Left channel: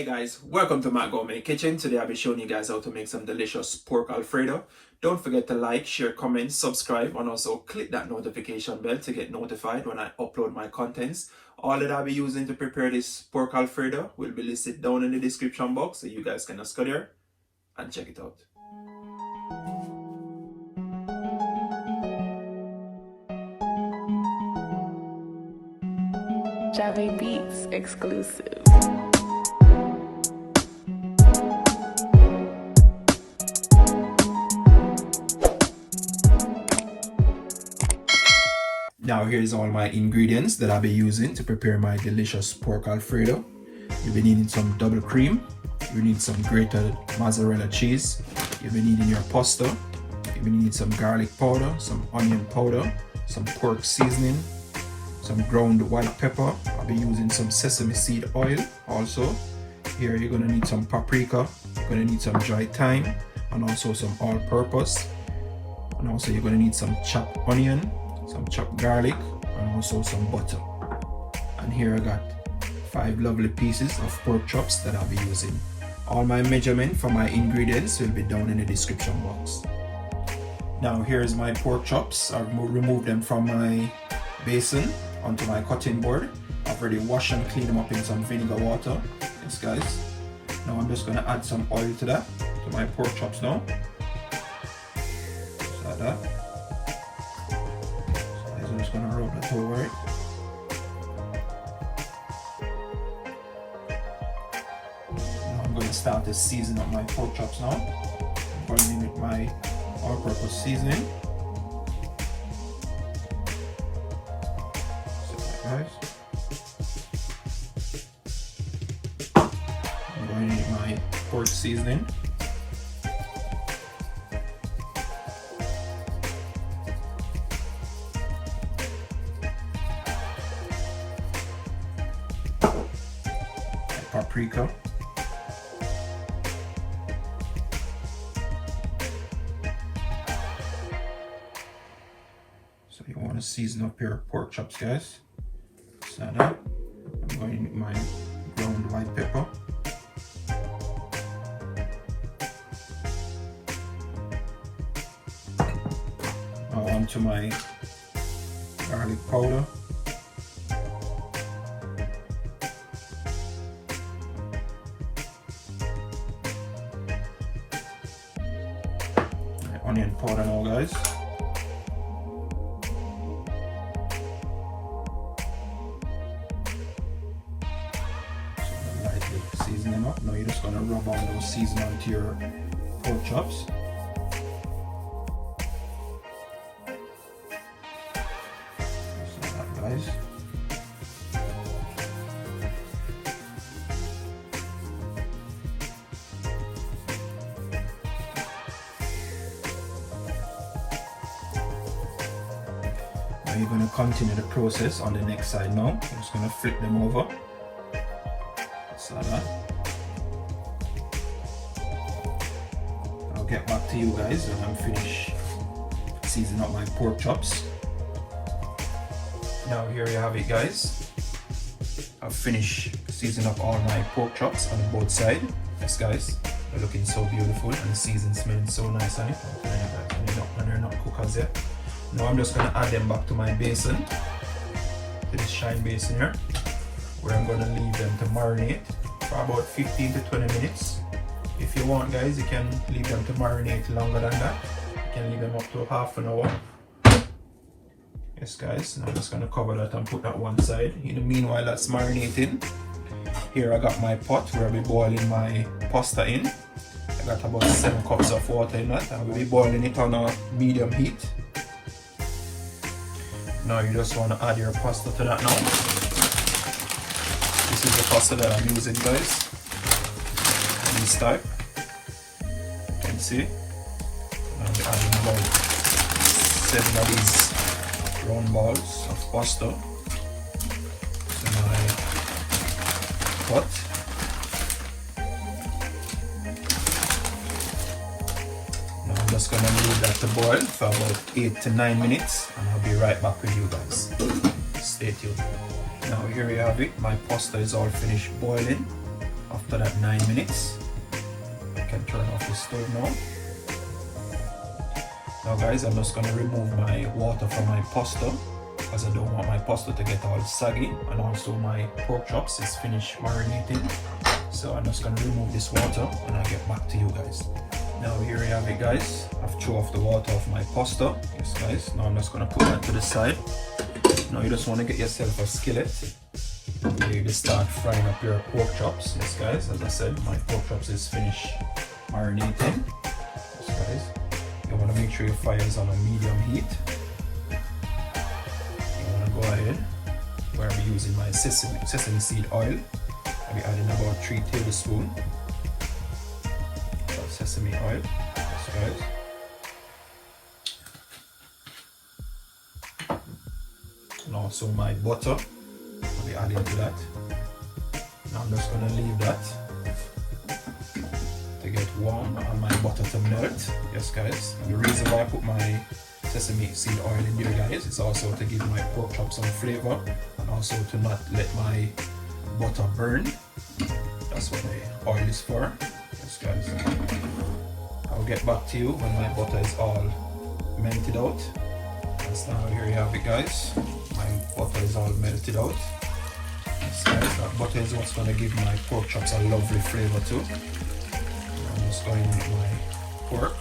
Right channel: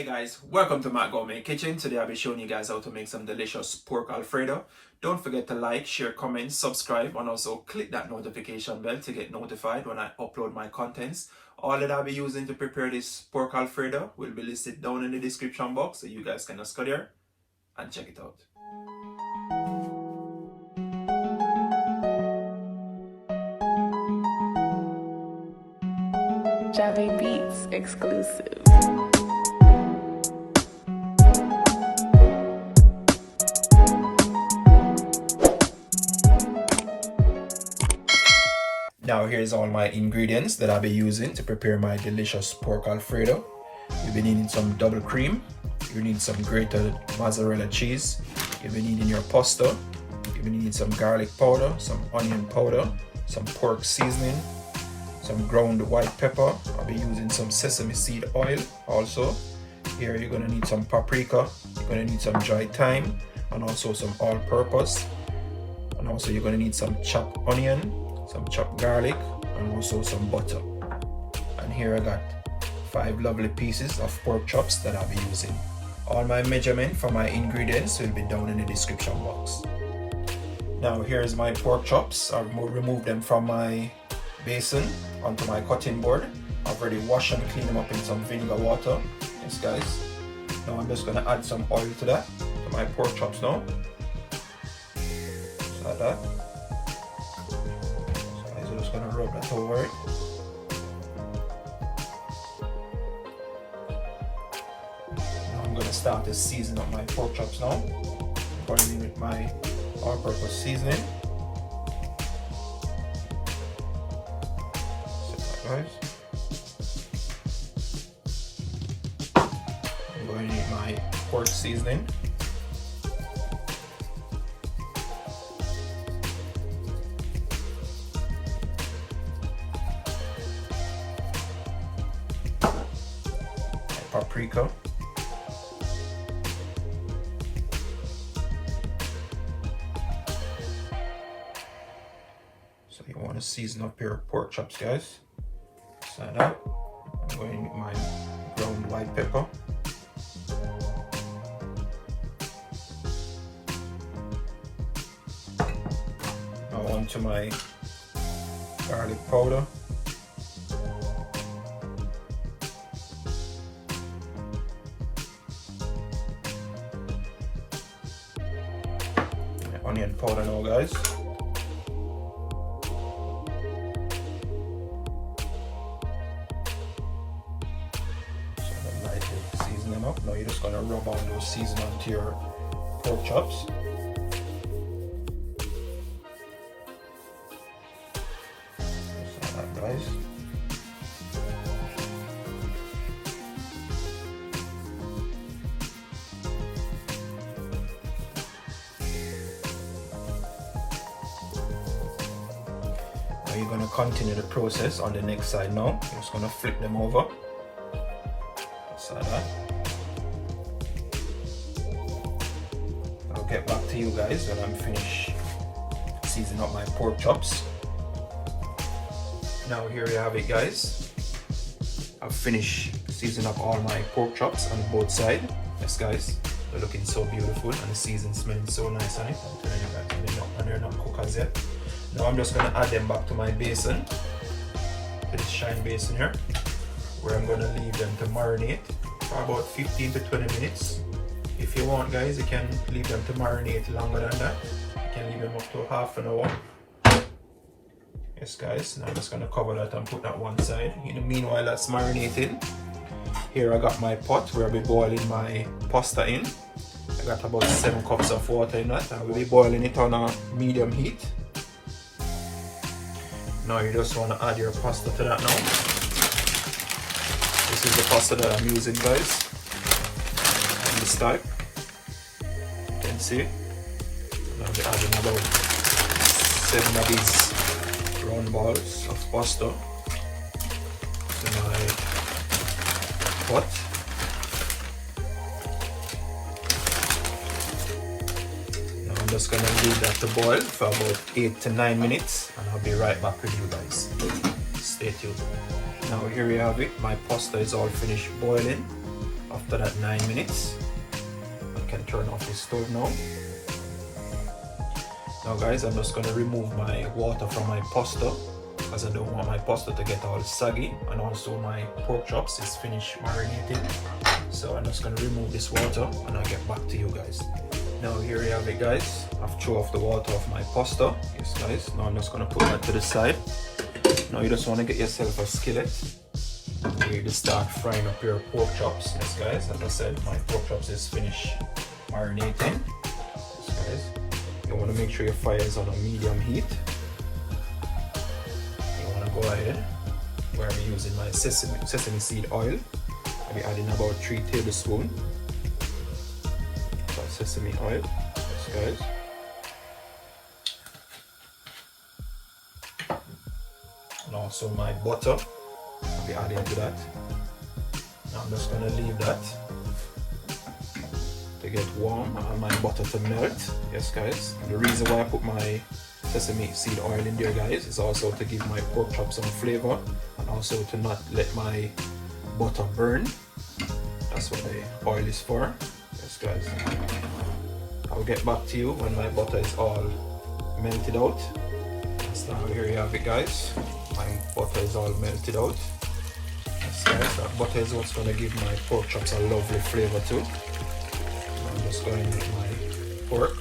Hey guys, welcome to Matt Gourmet Kitchen. Today I'll be showing you guys how to make some delicious pork alfredo. Don't forget to like, share, comment, subscribe, and also click that notification bell to get notified when I upload my contents. All that I'll be using to prepare this pork alfredo will be listed down in the description box, so you guys can just go there and check it out. Java Beats exclusive. Now here's all my ingredients that I'll be using to prepare my delicious pork alfredo. You'll be needing some double cream, you need some grated mozzarella cheese, you'll be needing your pasta, you'll be needing some garlic powder, some onion powder, some pork seasoning, some ground white pepper. I'll be using some sesame seed oil also. Here you're going to need some paprika, you're going to need some dried thyme, and also some all-purpose. And also you're going to need some chopped onion, some chopped garlic, and also some butter. And here I got 5 lovely pieces of pork chops that I'll be using. All my measurement for my ingredients will be down in the description box. Now here's my pork chops. I've removed them from my basin onto my cutting board. I've already washed and cleaned them up in some vinegar water. Yes guys. Now I'm just going to add some oil to that, to my pork chops now. Just like that. So I'm just going to rub that over it. Now I'm going to start to season up my pork chops now. I'm going in with my all-purpose seasoning. I'm going to need my pork seasoning. My paprika. So you want to season up your pork chops, guys. Like that. I'm going in with my ground white pepper. Now onto my garlic powder. My onion powder now, guys. Season them up. Now you're just going to rub all those seasoning onto your pork chops. Just like that, guys. Now you're going to continue the process on the next side now. You're just going to flip them over. Like that. I'll get back to you guys when I'm finished seasoning up my pork chops. Now here you have it, guys. I've finished seasoning up all my pork chops on both sides. Yes guys, they're looking so beautiful and the season smells so nice on it. I'm telling you guys, they're not cooked as yet. Now I'm just going to add them back to my basin, to this shine basin here, where I'm going to leave them to marinate for about 15 to 20 minutes. If you want, guys, you can leave them to marinate longer than that. You can leave them up to half an hour. Yes guys, now I'm just going to cover that and put that one side. In the meanwhile that's marinating, here I got my pot where I'll be boiling my pasta in. I got about 7 cups of water in that. I will be boiling it on a medium heat. Now you just want to add your pasta to that now. This is the pasta that I'm using, guys. On this type. You can see. I'll be adding about 7 of these round balls of pasta to my pot. Now I'm just gonna leave that to boil for about 8 to 9 minutes, and I'll be right back with you guys. Stay tuned. Now here we have it. My pasta is all finished boiling. After that 9 minutes, I can turn off the stove now. Now guys, I'm just gonna remove my water from my pasta because I don't want my pasta to get all saggy, and also my pork chops is finished marinating. So I'm just gonna remove this water and I'll get back to you guys. Now here you have it guys. I've thrown off the water off my pasta. Yes guys, now I'm just gonna put that to the side. Now you just wanna get yourself a skillet. You just start frying up your pork chops. Yes guys, as I said, my pork chops is finished marinating. Yes guys, you want to make sure your fire is on a medium heat. You want to go ahead, where I'll be using my sesame seed oil. I'll be adding about 3 tablespoons of sesame oil. Yes guys. And also my butter. I'll be adding to that. Now I'm just going to leave that to get warm and my butter to melt. Yes guys, and the reason why I put my sesame seed oil in there guys is also to give my pork chop some flavor, and also to not let my butter burn. That's what the oil is for. Yes guys, I'll get back to you when my butter is all melted out. So now here you have it guys, my butter is all melted out. Yes guys, that butter is what's going to give my pork chops a lovely flavor too. I'm just going to use my pork.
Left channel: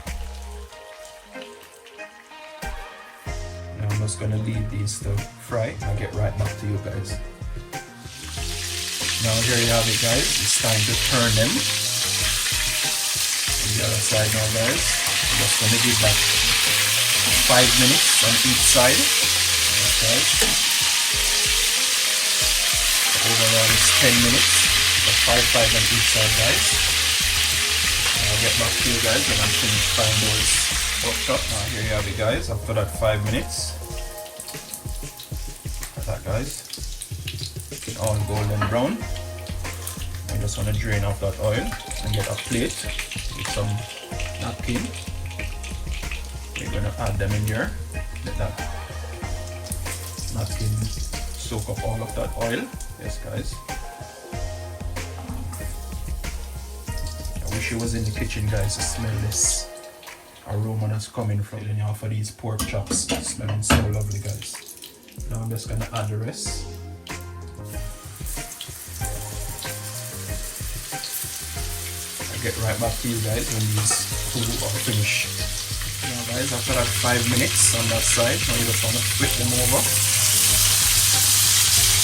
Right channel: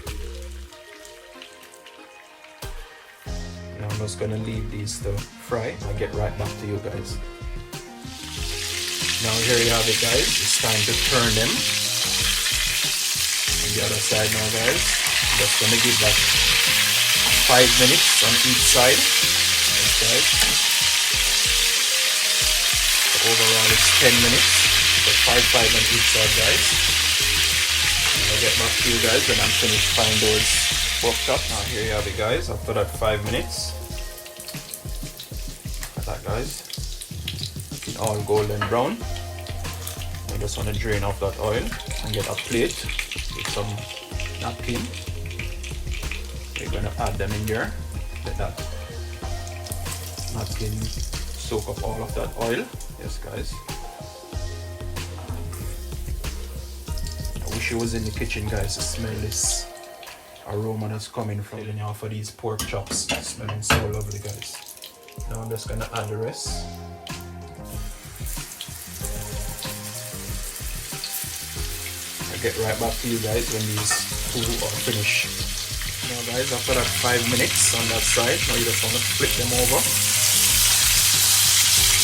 And I'm just going to leave these to fry. I'll get right back to you guys. Now here you have it guys, it's time to turn them. On the other side now guys, I'm just going to give that 5 minutes on each side. Okay. The overall is 10 minutes, so 5 on each side guys. And I'll get back to you guys when I'm finished frying those pork chops. Now here you have it guys, after that 5 minutes. Like that guys. Looking all golden brown. I just want to drain off that oil and get a plate with some napkin. We're going to add them in here. Let that napkin soak up all of that oil. Yes guys. I wish you was in the kitchen guys to smell this aroma that's coming from off of these pork chops. It's smelling so lovely guys. Now I'm just going to add the rest. I'll get right back to you guys when these two are finished. Now guys, after that 5 minutes on that side, now you just want to flip them over.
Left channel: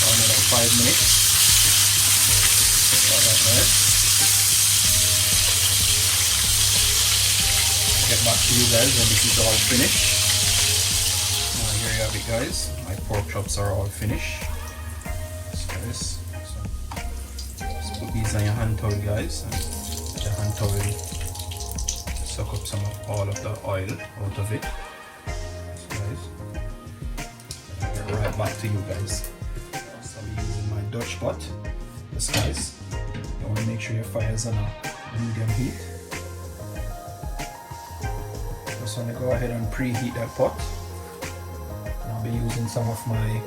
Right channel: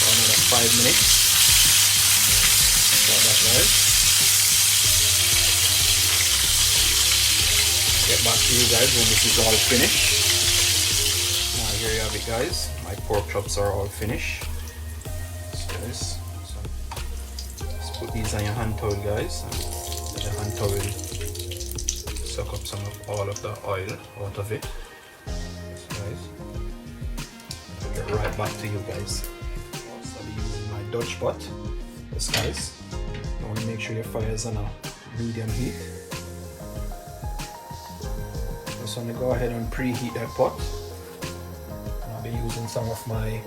Another 5 minutes. Like that guys. I'll get back to you guys when this is all finished. Now here you have it guys, my pork chops are all finished. So just put these on your hand towel guys. Your hand towel suck up some of all of the oil out of it. Guys. I'll get right back to you guys. So I'm using my Dutch pot. This guys. You want to make sure your fire is on a medium heat. Just want to go ahead and preheat that pot. And I'll be using some of my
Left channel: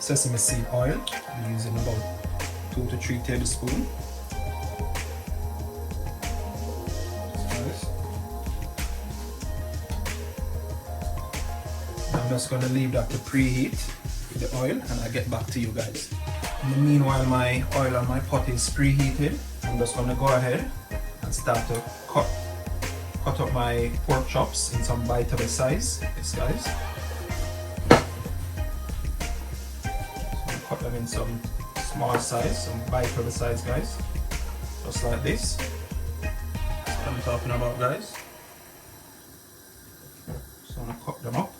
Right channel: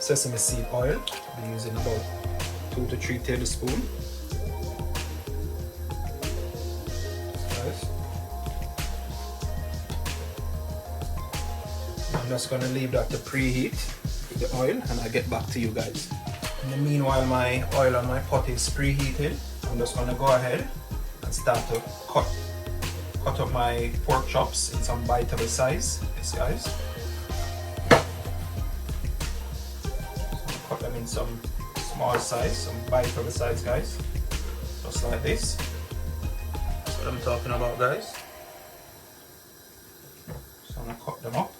sesame seed oil. I'm using about 2 to 3 tablespoons. I'm just going to leave that to preheat the oil and I'll get back to you guys. In the meanwhile, my oil on my pot is preheated. I'm just going to go ahead and start to cut up my pork chops in some bite-able size. Yes guys. So cut them in some small size, some bite-able size guys. Just like this. That's what I'm talking about guys. So I'm going to cut them up.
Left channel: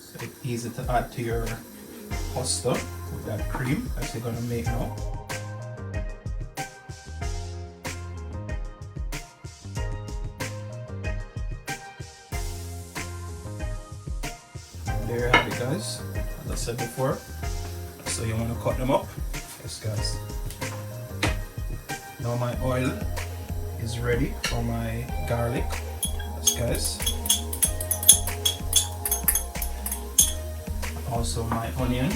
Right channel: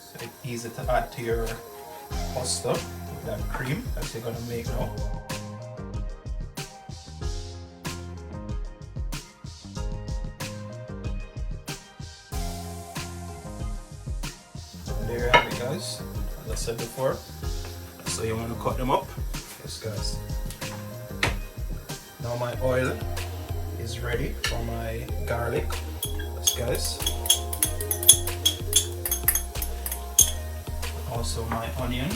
So it's easy to add to your pasta with that cream that you're going to make now. And there you have it guys, as I said before. So you want to cut them up. Yes guys. Now my oil is ready for my garlic. Yes guys. Also my onion, my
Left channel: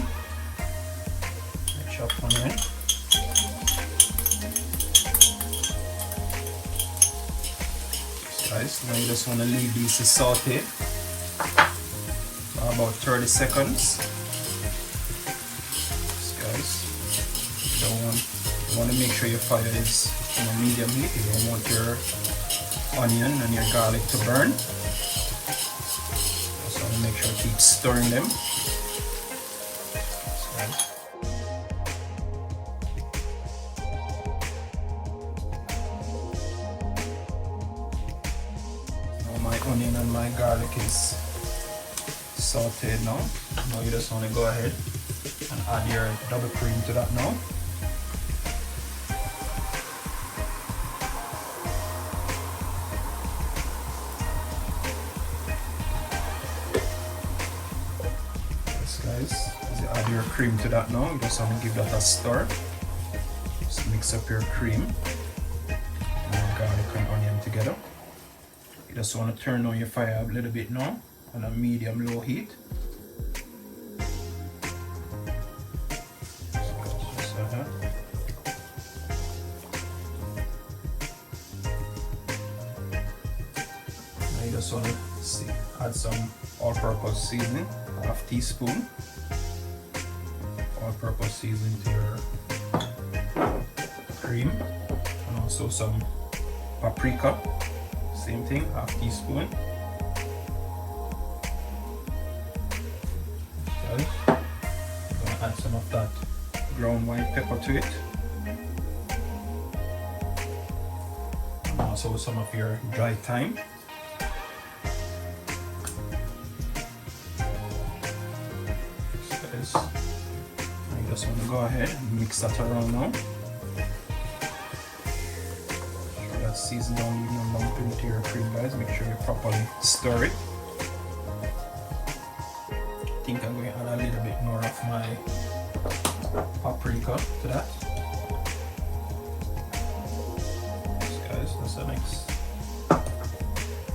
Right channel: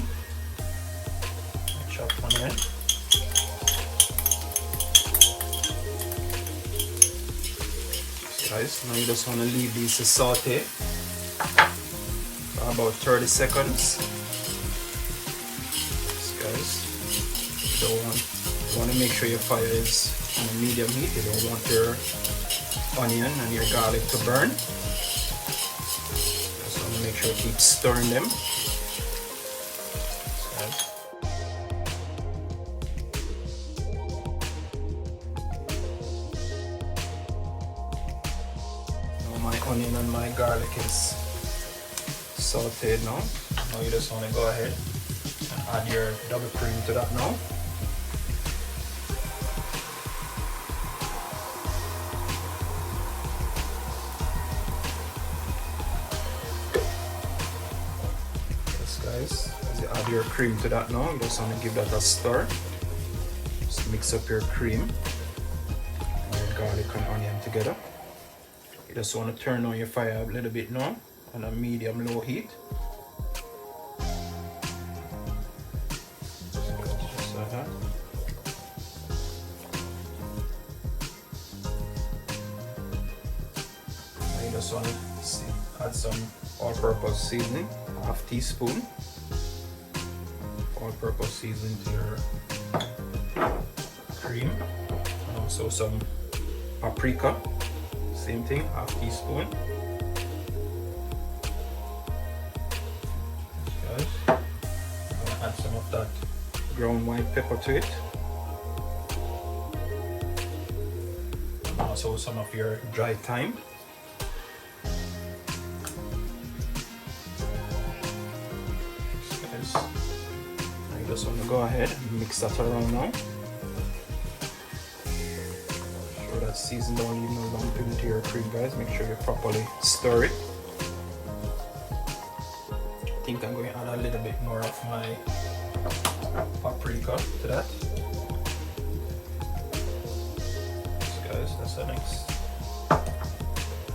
chopped onion. guys, now you just want to leave these to saute for about 30 seconds. Guys, you want to make sure your fire is on a medium heat. You don't want your onion and your garlic to burn. Just want to make sure you keep stirring them. My onion and my garlic is sauteed now. Now you just want to go ahead and add your double cream to that now. Yes guys, as you add your cream to that now, you just want to give that a stir. Just mix up your cream and your garlic and onion together. You just want to turn on your fire a little bit now on a medium low heat. Just like that. You just want to add some all-purpose seasoning, half teaspoon. All-purpose seasoning to your cream, and also some paprika. Same thing, half teaspoon. Okay. I'm gonna add some of that ground white pepper to it. And also some of your dry thyme. You just want to go ahead and mix that around now. Season all you know lump into your cream, guys. Make sure you properly stir it. I think I'm going to add a little bit more of my paprika to that. Yes, guys, that's the next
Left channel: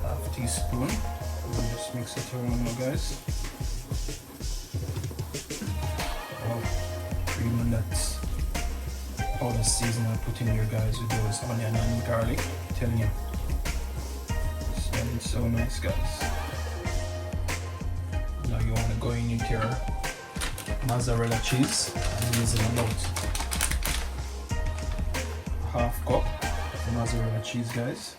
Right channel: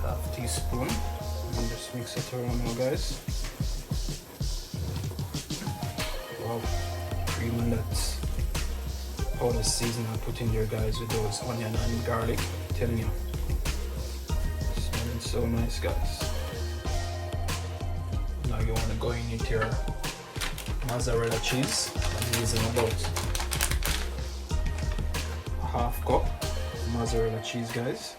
half teaspoon. And just mix it around now, guys. Wow, cream and that's all the seasoning I put in there, guys, with those onion and garlic. I'm telling you, it's smelling so nice, guys. Now you want to go in with your mozzarella cheese. I'm using about half cup of mozzarella cheese, guys.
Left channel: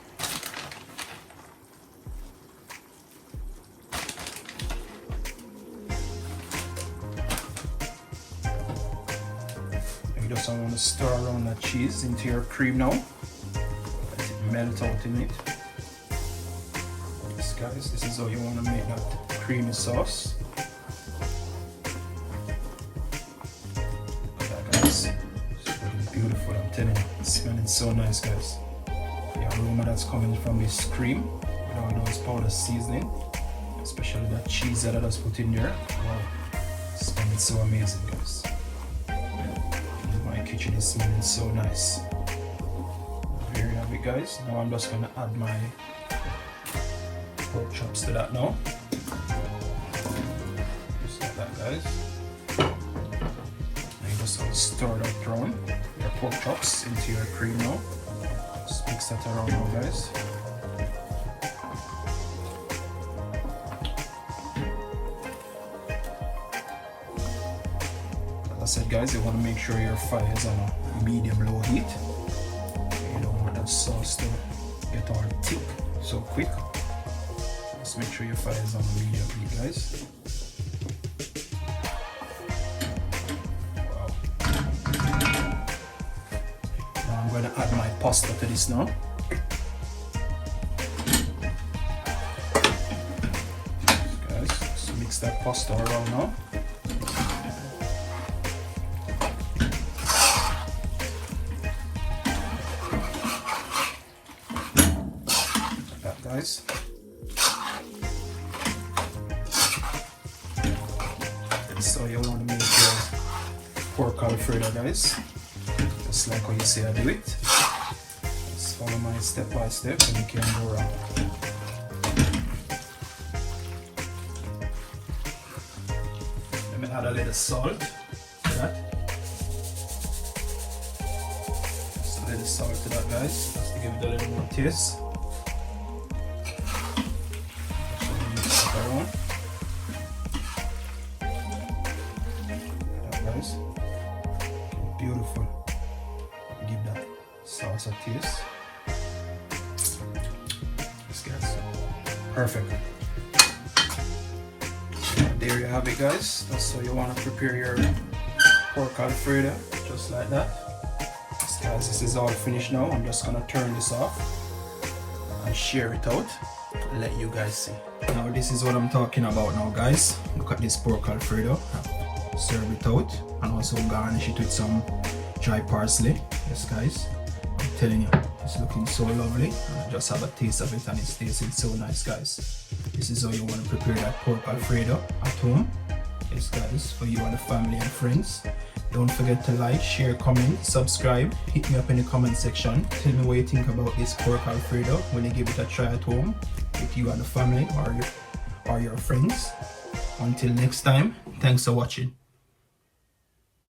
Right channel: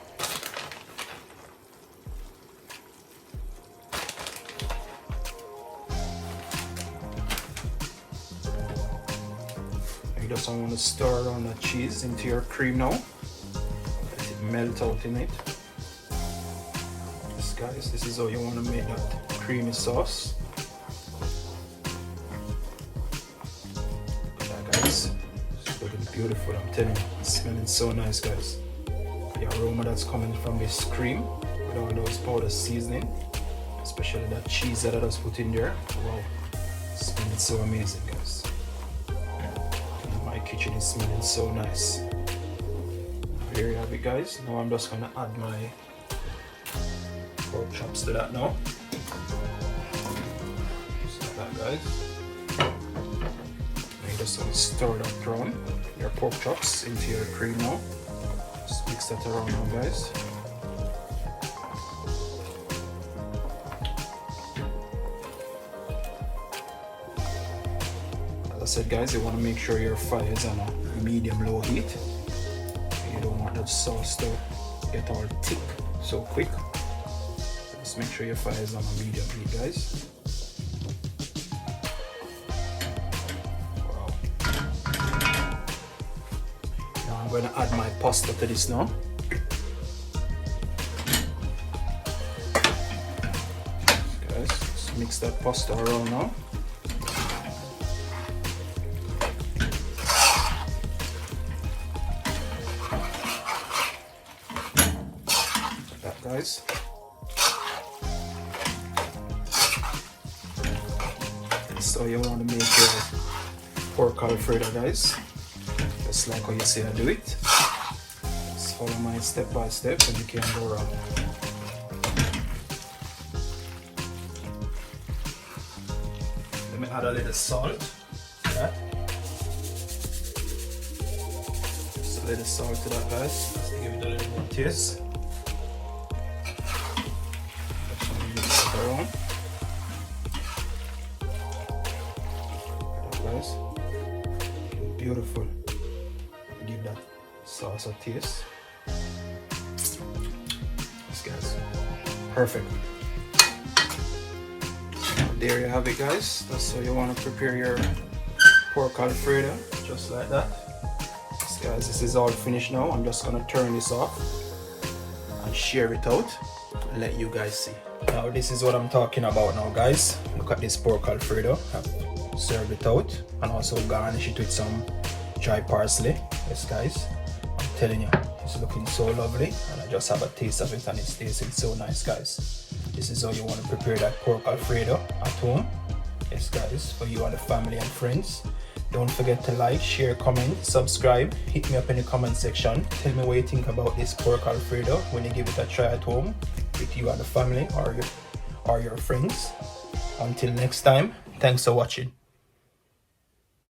Just I want to stir around the cheese into your cream now. Let it melt out in it. Yes, guys, this is how you want to make that creamy sauce. Look at that, guys. It's really beautiful, I'm telling you. It's smelling so nice, guys. The aroma that's coming from this cream with all those powder seasoning, especially that cheese that I just put in there. Wow, it's smelling so amazing, guys. Kitchen is smelling so nice. There you have it, guys. Now I'm just gonna add my pork chops to that now. Just like that, guys. You just stir that around your pork chops into your cream now. Just mix that around now, guys. As I said, guys, you want to make sure your fire is on a medium-low heat. You don't want that sauce to get all thick so quick. Just make sure your fire is on a medium heat, guys. Wow. Now I'm going to add my pasta to this now. Guys, just mix that pasta around now. Guys, so you want to make your pork Alfredo, guys, just like how you say I do it. Just follow my step by step and you can go wrong. Let me add a little salt to that. Just a little salt to that, guys, just to give it a little bit of taste. around. Guys, beautiful. Give that sauce a taste. This guys, perfect. There you have it, guys. That's how you want to prepare your pork alfredo, just like that. Guys, this is all finished now. I'm just gonna turn this off and share it out and let you guys see. Now this is what I'm talking about now, guys. Look at this pork alfredo. Serve it out and also garnish it with some dry parsley. Yes, guys, I'm telling you, it's looking so lovely, and I just have a taste of it and it's tasting so nice, guys. This is how you want to prepare that pork alfredo at home. Yes, guys, for you and the family and friends. Don't forget to like, share, comment, subscribe. Hit me up in the comment section. Tell me what you think about this pork alfredo when you give it a try at home with you and the family or your friends. Until next time, thanks for watching.